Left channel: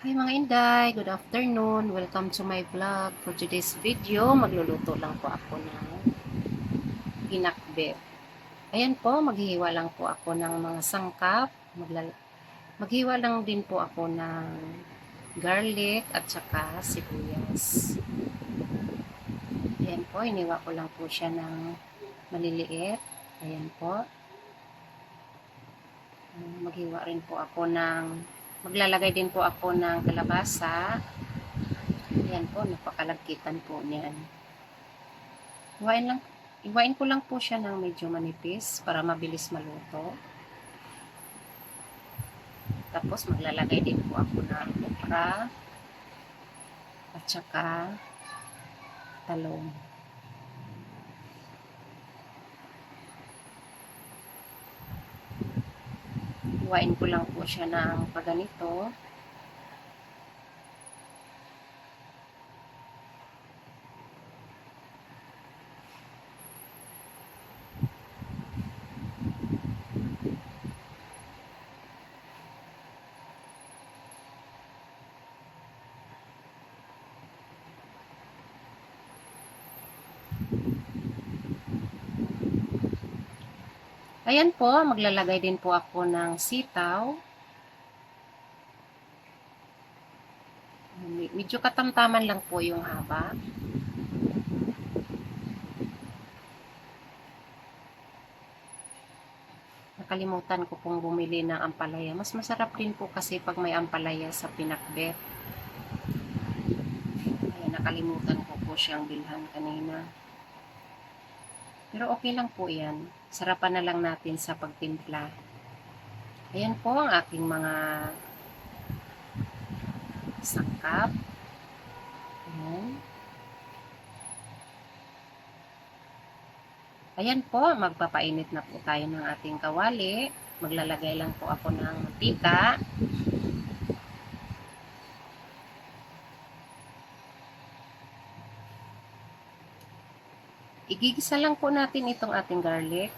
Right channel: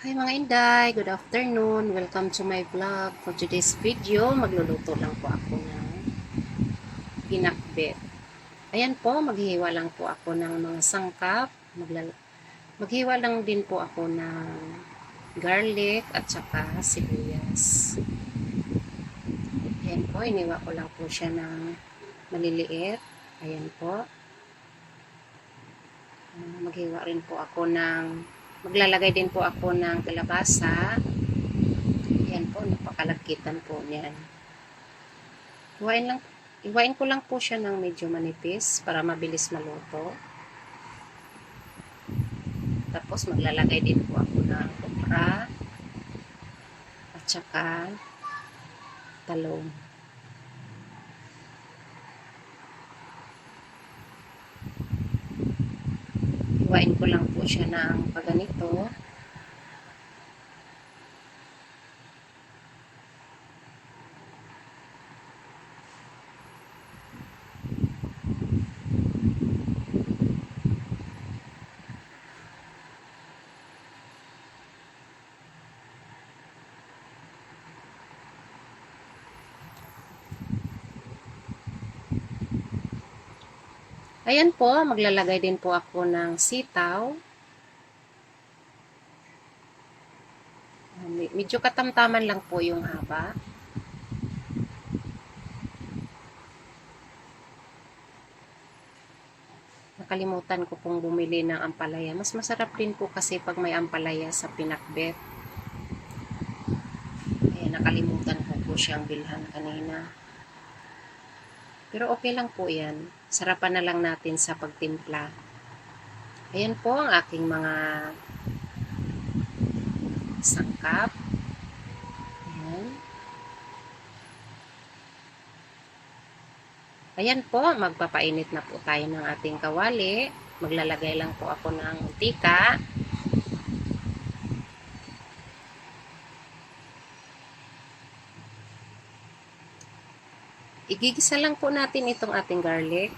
Hi mga Inday, good afternoon. Welcome to my vlog. For today's video, magluluto lang po ako ng pinakbet. Ayan po, maghihiwa lang po ako ng mga sangkap. Maghiwa lang din po ako ng garlic at saka sibuyas. Ayan po, iniwa ko lang po siya ng maliliit. Ayan po. Maghiwa rin po ako maglalagay din po ako ng kalabasa. Ayan po, napakalagkitan po niyan. Iwain ko lang po siya ng medyo manipis para mabilis maluto. Tapos maglalagay din po ako ng okra at saka talong. Iwain ko lang po siya ng paganito. Ayan po, maglalagay din po ako ng sitaw. Medyo katamtaman lang po yung haba. Nakalimutan ko pong bumili ng ampalaya. Mas masarap din po kasi pag may ampalaya sa pinakbet. Ayan, nakalimutan ko po siyang bilhan kanina. Pero okay lang po yan. Sarapan na lang natin sa pagtimpla. Ayan po ang aking mga sangkap. Ayan. Ayan po, magpapainit na po tayo ng ating kawali. Maglalagay lang po ako ng mantika. Igigisa lang po natin itong ating garlic.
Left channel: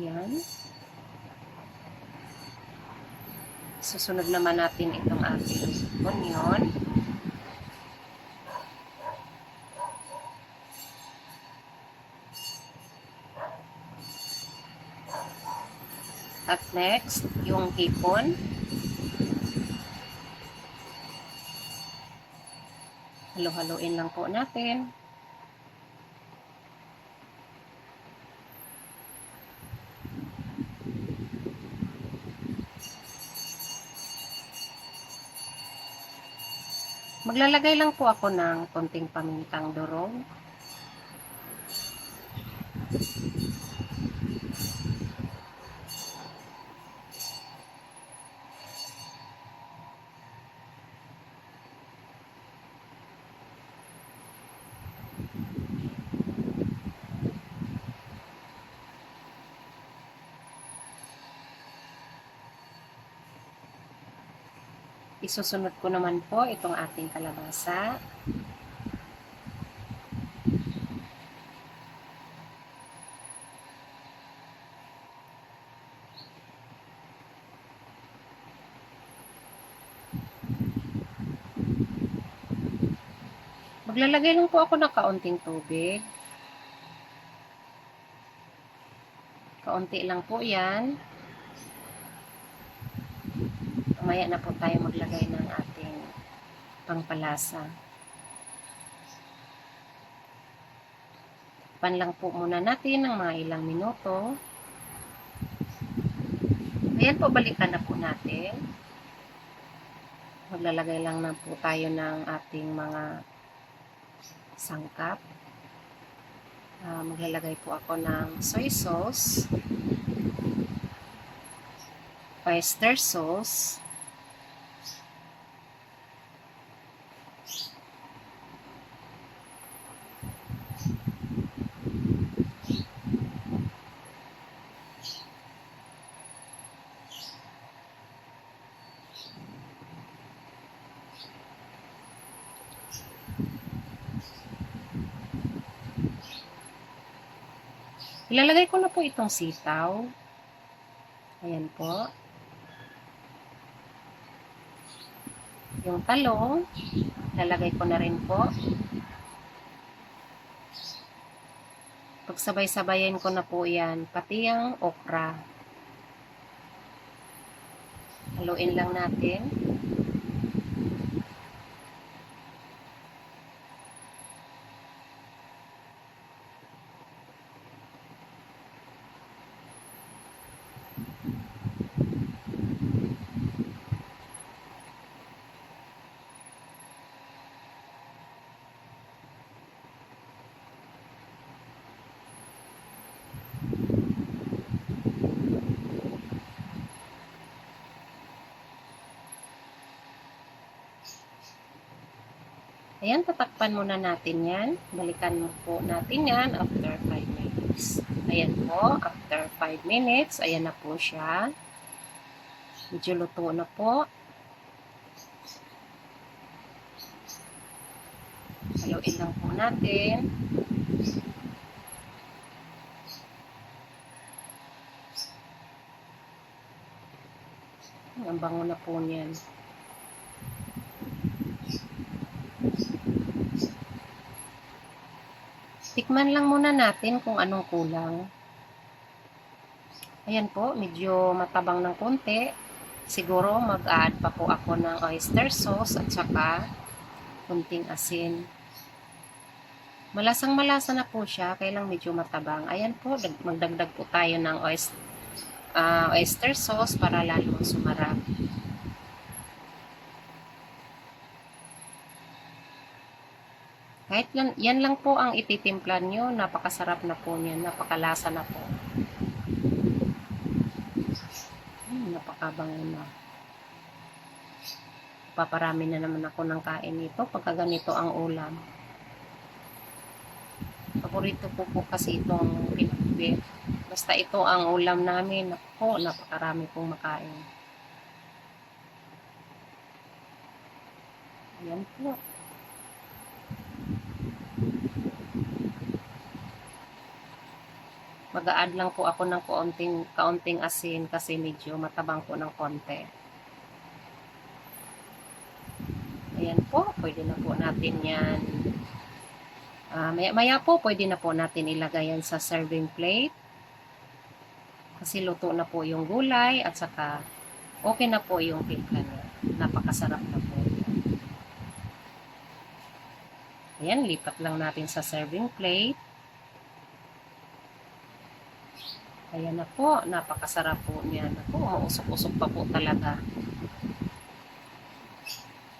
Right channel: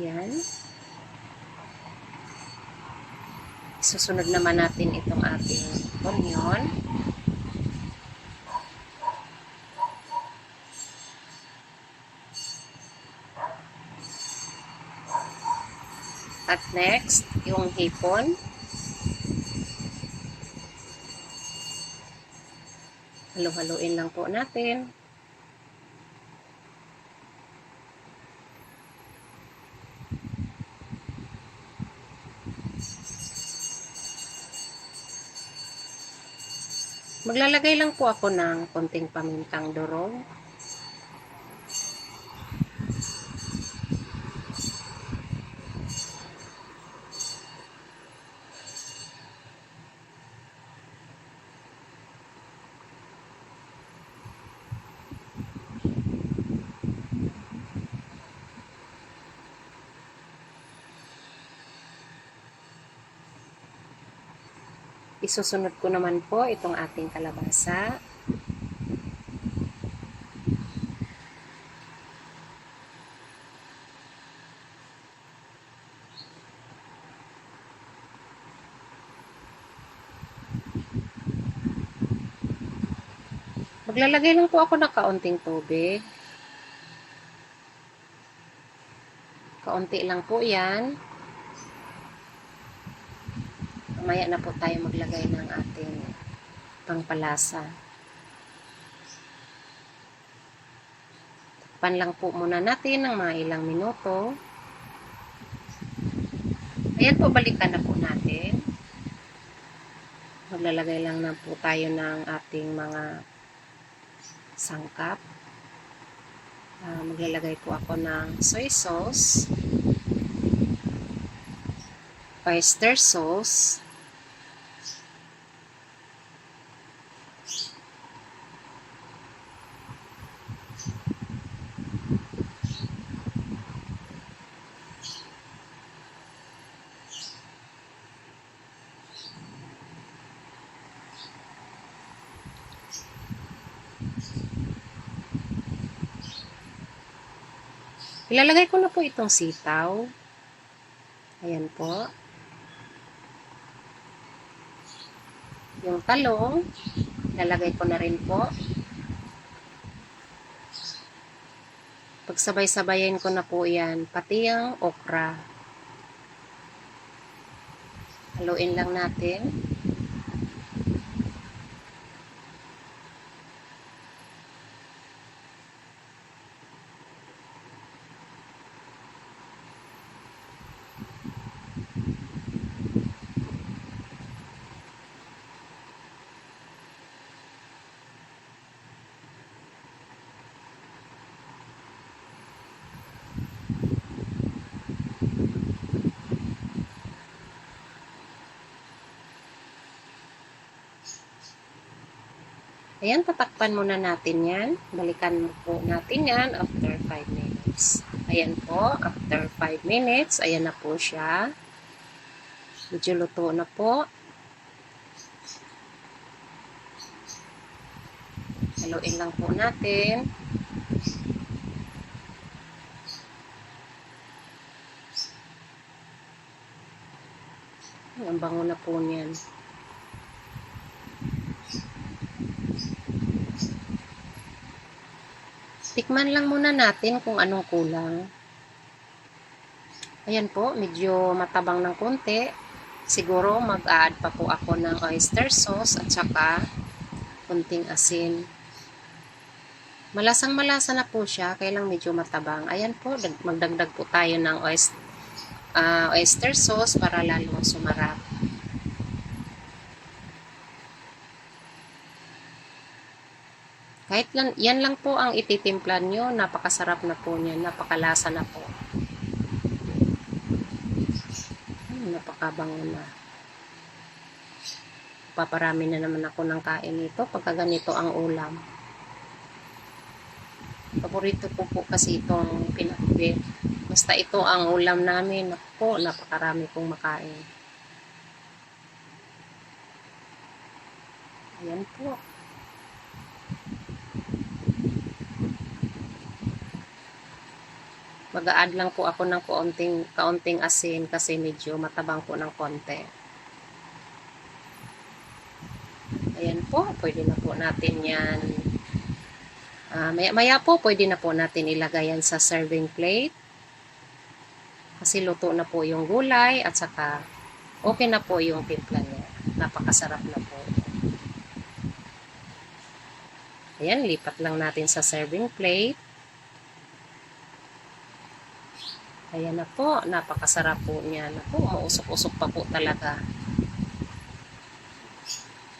Yan. Susunod naman natin itong ating onion. At next, yung hipon. Halo-haloin lang po natin. Maglalagay lang po ako ng konting pamintang durog. Isusunod ko naman po itong ating kalabasa. Maglalagay lang po ako ng kaunting tubig. Kaunti lang po yan. Mamaya na po tayo maglagay ng ating pangpalasa. Takpan lang po muna natin ng mga ilang minuto. Ayan po, balikan na po natin. Maglalagay lang na po tayo ng ating mga sangkap. Maglalagay po ako ng soy sauce, oyster sauce, Ilalagay ko na po itong sitaw. Ayan po. Yung talong, ilalagay ko na rin po. Pagsabay-sabayin ko na po yan, pati ang okra. Haluin lang natin. Ayan, tatakpan muna natin yan. Balikan po natin yan after 5 minutes. Ayan po, after 5 minutes, ayan na po siya. Medyo luto na po. Haluin lang po natin. Ang bango na po niyan. Tikman lang muna natin kung anong kulang. Ayan po, medyo matabang ng konti. Siguro mag-add pa po ako ng oyster sauce at saka kunting asin. Malasang-malasa na po siya, kaya lang medyo matabang. Ayan po, magdagdag po tayo ng oyster sauce para lalong sumarap. Kahit yan lang po ang ititimplan nyo, napakasarap na po niyan, napakalasa na po. Napakabango na. Paparami na naman ako ng kain nito pagka ganito ang ulam. Paborito ko po kasi itong pinakbet. Basta ito ang ulam namin, naku, napakarami pong makain. Ayan po. Mag-a-add lang po ako ng kaunting asin kasi medyo matabang po ng konti. Ayan po, pwede na po natin yan. Maya po, pwede na po natin ilagay yan sa serving plate. Kasi luto na po yung gulay at saka okay na po yung timpla niya. Napakasarap na po. Ayan, lipat lang natin sa serving plate. Ayan na po, napakasarap po niya. Naku, mausok-usok pa po talaga.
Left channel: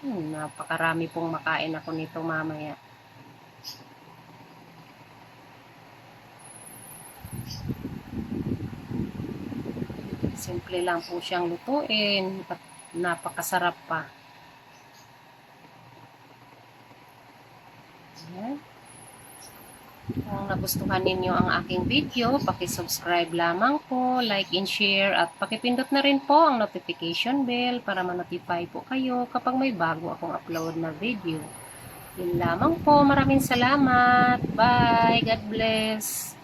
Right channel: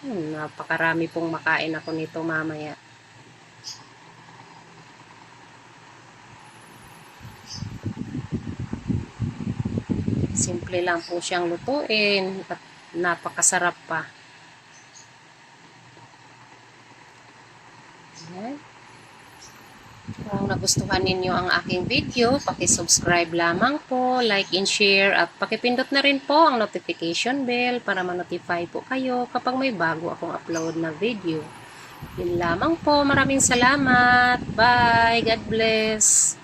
Napakarami pong makain ako nito mamaya. Simple lang po siyang lutuin at napakasarap pa. Ayan. Kung nagustuhan ninyo ang aking video, paki-subscribe lamang po, like and share, at pakipindot na rin po ang notification bell para ma-notify po kayo kapag may bago akong upload na video. Yun lamang po. Maraming salamat. Bye. God bless.